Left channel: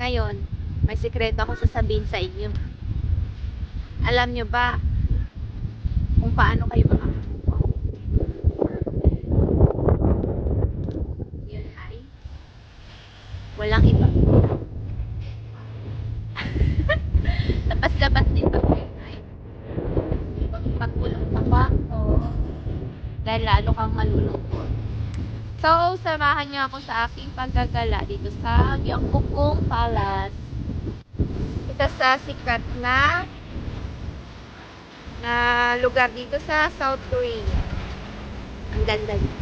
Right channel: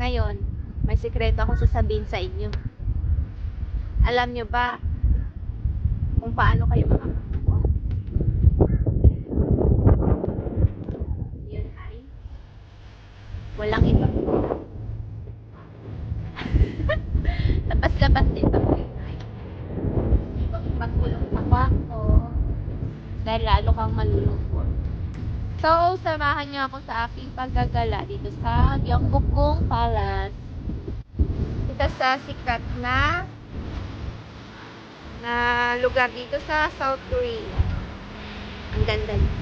Ngayon, may sikreto akong sasabihin sa inyo. Alam nyo ba kung paano kayo makakakuha? Yun ay walang iba kundi ako. Labas-labas din pa po ay huwag magkulong sa kwarto dahil lalo kang malulungkot. So, samahan niyo ako sa aking paggagala dito sa Gyeongbokgung Palace. Ito sa sikat na lugar dito sa South Korea. Ang ganda niya.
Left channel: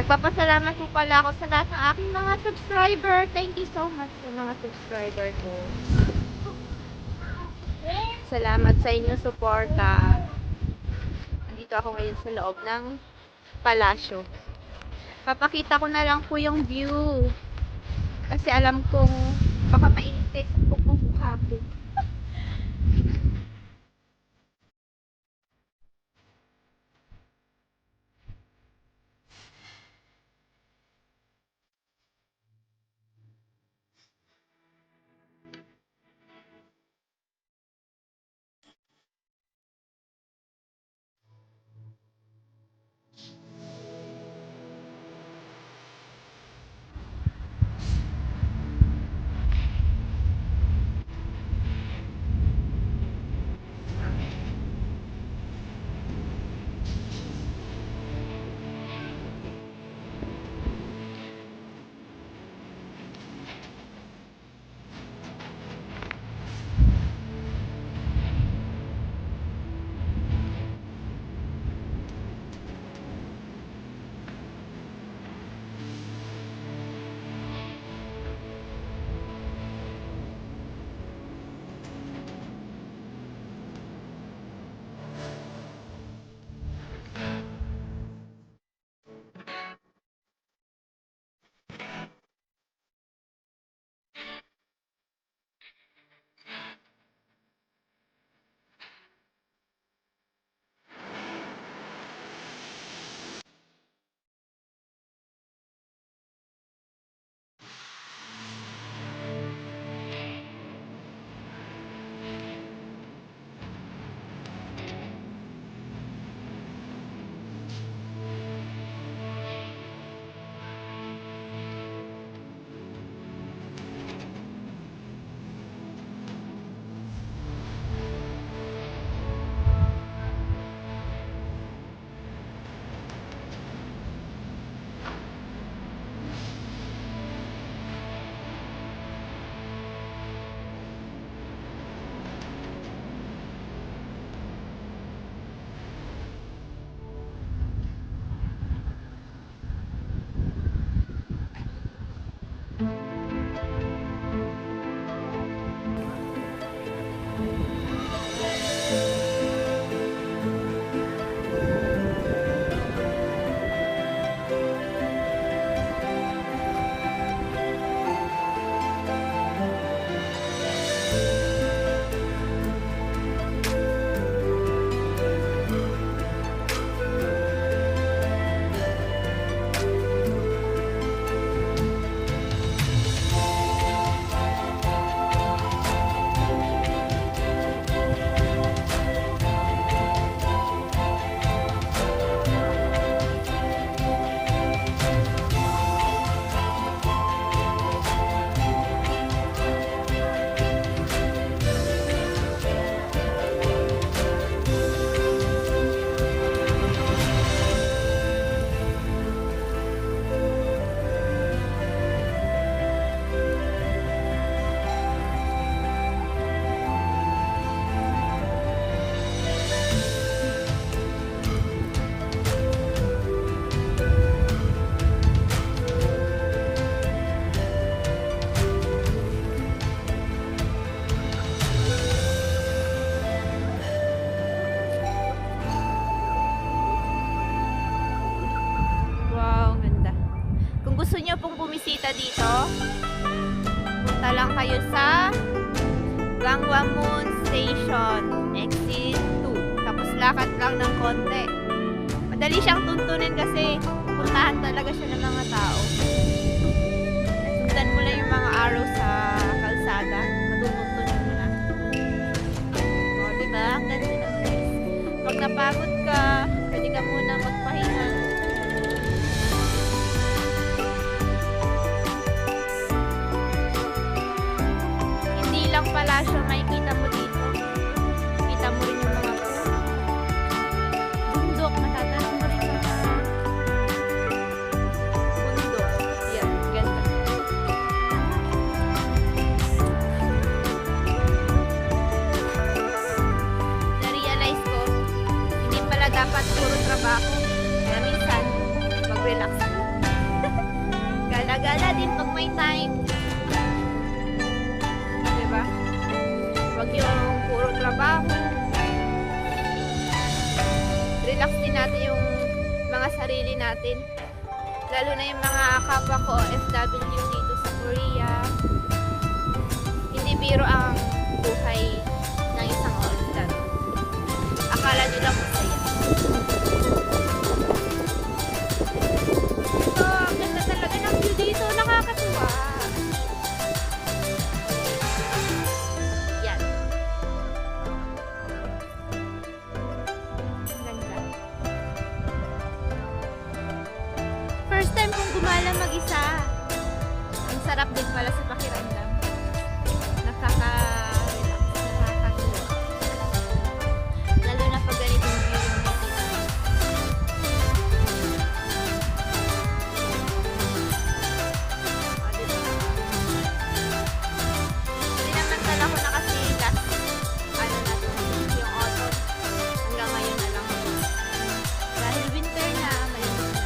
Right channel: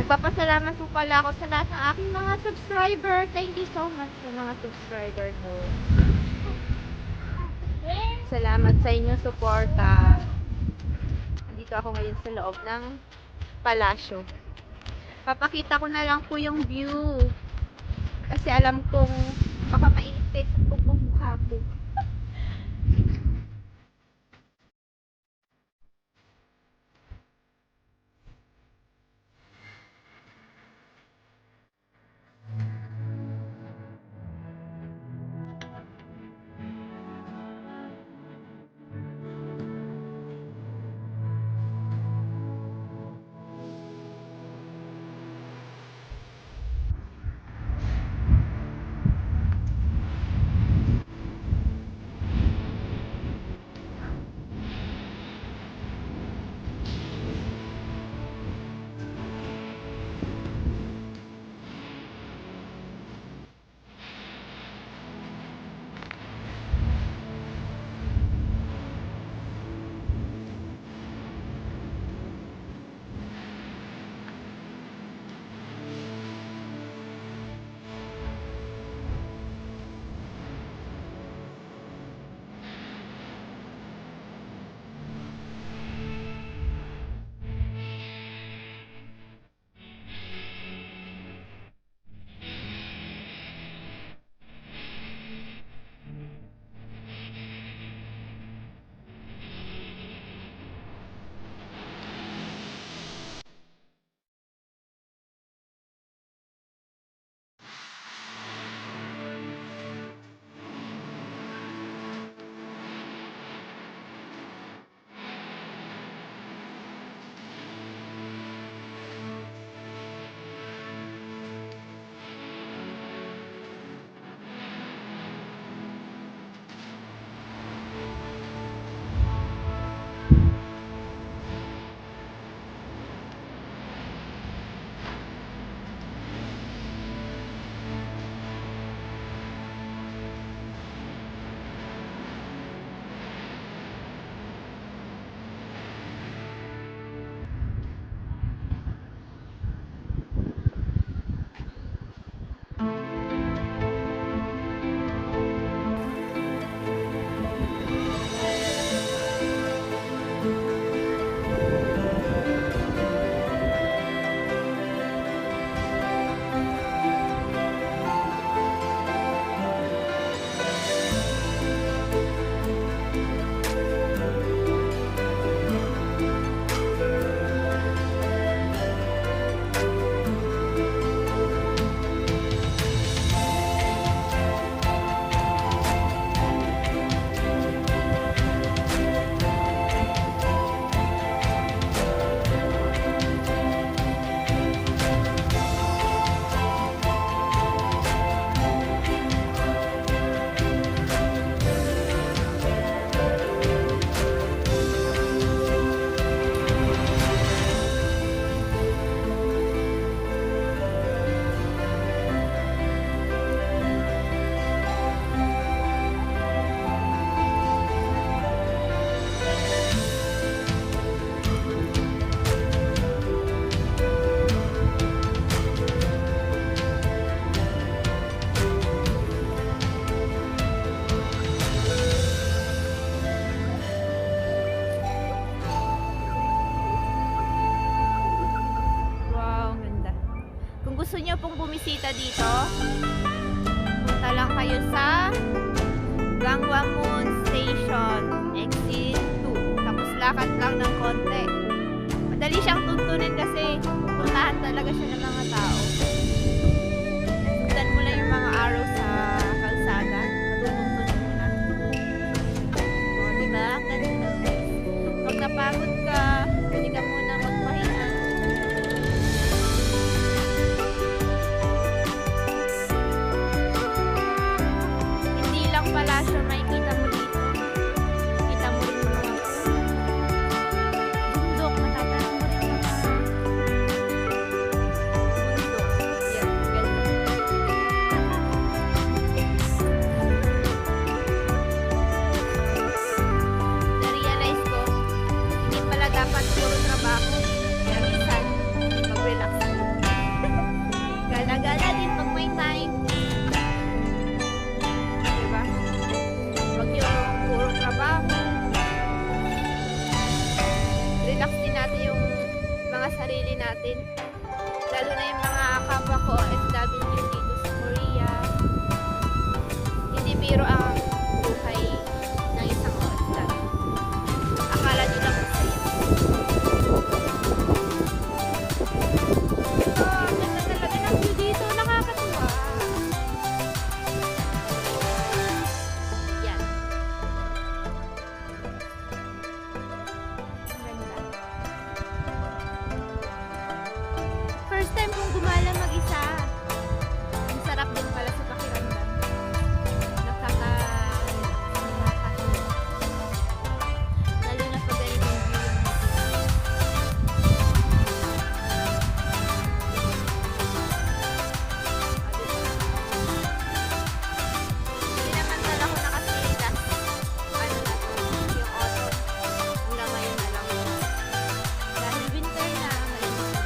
Nagpapasalamat po pala ako sa lahat ng aking mga subscriber. Thank you so much sa mga subscriber ko. Salamat sa inyong suporta. Nandito ako ngayon sa loob ng palasyo. Papakita ko na lang po yung view. Kasi alam kong baka mainit sa mukha ko. Gusto nyo pong bumisita dito, punta lang kayo sa Gangwamun Station, Exit 2. Tapos lakad lang ng konti. Madali siyang tuntunin kasi puntahan talaga siya ng mga tao. sundan mo lang yung mga arrow sa kalsada. Matutuntunin mo na. O, diba? Ang ganda na. Pag napagod ka, pwede ka muna magpahinga. Hindi lang pala siya makikita mo dito. Kita mo rin yung mga bundok. Matatanong mo rin yung mga bundok. Yan, ganda. Na-realize ko, hindi pala dapat puro trabaho. Kaya minsan, mag-relax. Gala-gala din pag may time. Diba? Huwag yung puro trabaho. Relax din natin yung mga sarili natin. Lalo na yung mga kapwa ko OFW dito sa Korea. Hindi biro ang buhay ng isang OFW. Akala nyo lang masaya. So, ang ganda talaga ng view dito. Nakakatuwa. Yan. Ang ganda. First time kong gumala mag-isa. Ang sarap din pala sa pakiramdam. Nakaka-relax. Nakakatuwa. Lalo na pag ganitong view yung makikita. O, diba? Pinamantala ko na kasi last, ano na to, yung autumn. Hanggang ngayon na lang. Dahil winter na, malamig na.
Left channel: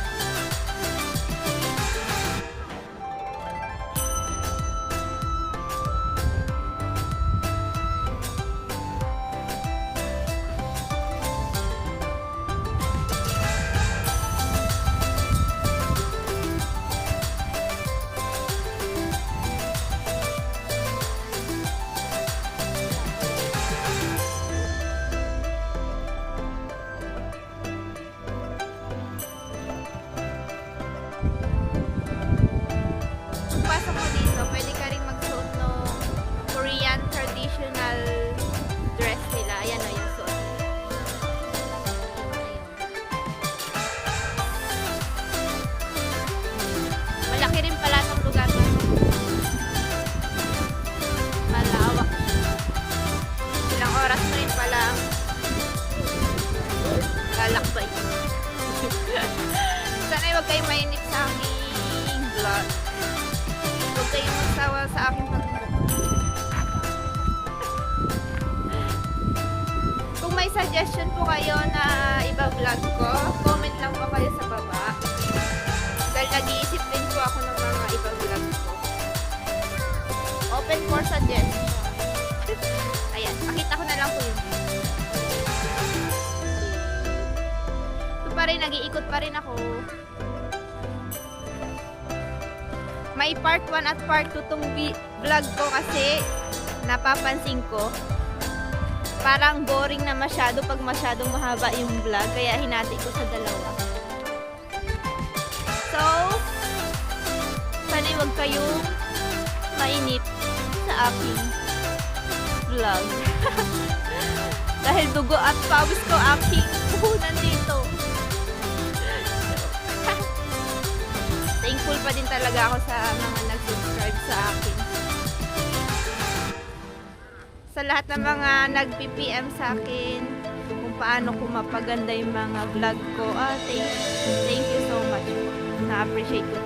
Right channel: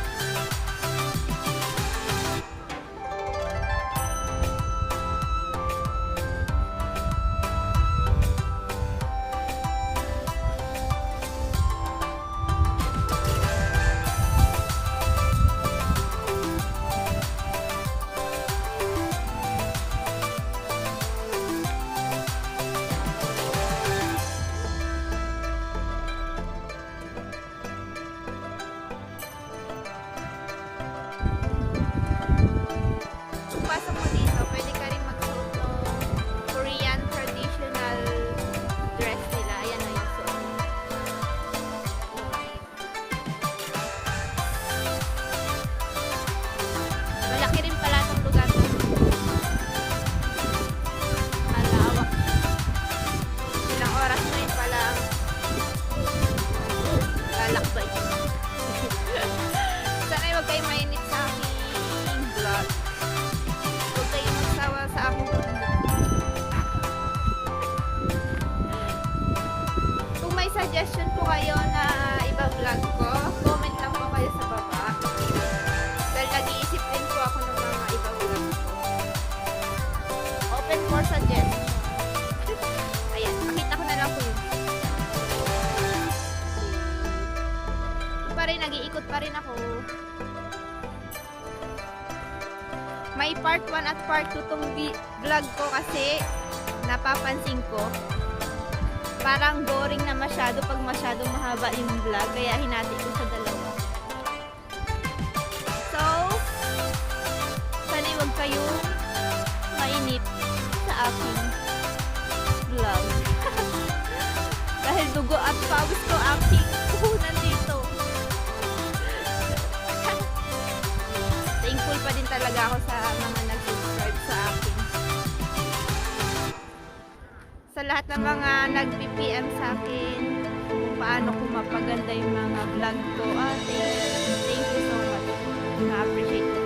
Pagpasok mo dito, pwede ka rin magsuot ng Korean traditional dress nila. Ayan na yung suot. Malaki rin pala itong lugar na. Malawak. Ilang oras mo rin pala lalakbay. Sana'y huwag kayong mainip sa aking vlog. Huwag kayong magsawa sa aking pagmumukha. Kung may suggestion po kayo na iba-vlog ko, comment lang po kayo sa baba. Dahil nag-iisip din po ako ng mga iba-vlog ko. Open for suggestion. Ayan, pakita ko na lang po yung video. Ito pa rin, nag-iikot pa rin ako. May part 1 at part 2 tong vlog ko kasi napapansin ko parang boring na masyado pag masyadong mahaba yung vlog, kaya hinati ko sa dalawa. So, sana'y huwag kayong mainip sa aking vlog. Dahil dugo at pawis ko aking puhunan dito. Thankful pa din talaga ako sa mga nag-subscribe sa akin. Sa lahat ng mga nag-PPM sa akin kung paano ko mapaganda yung mga vlog ko. Thank you so much. Na-appreciate ko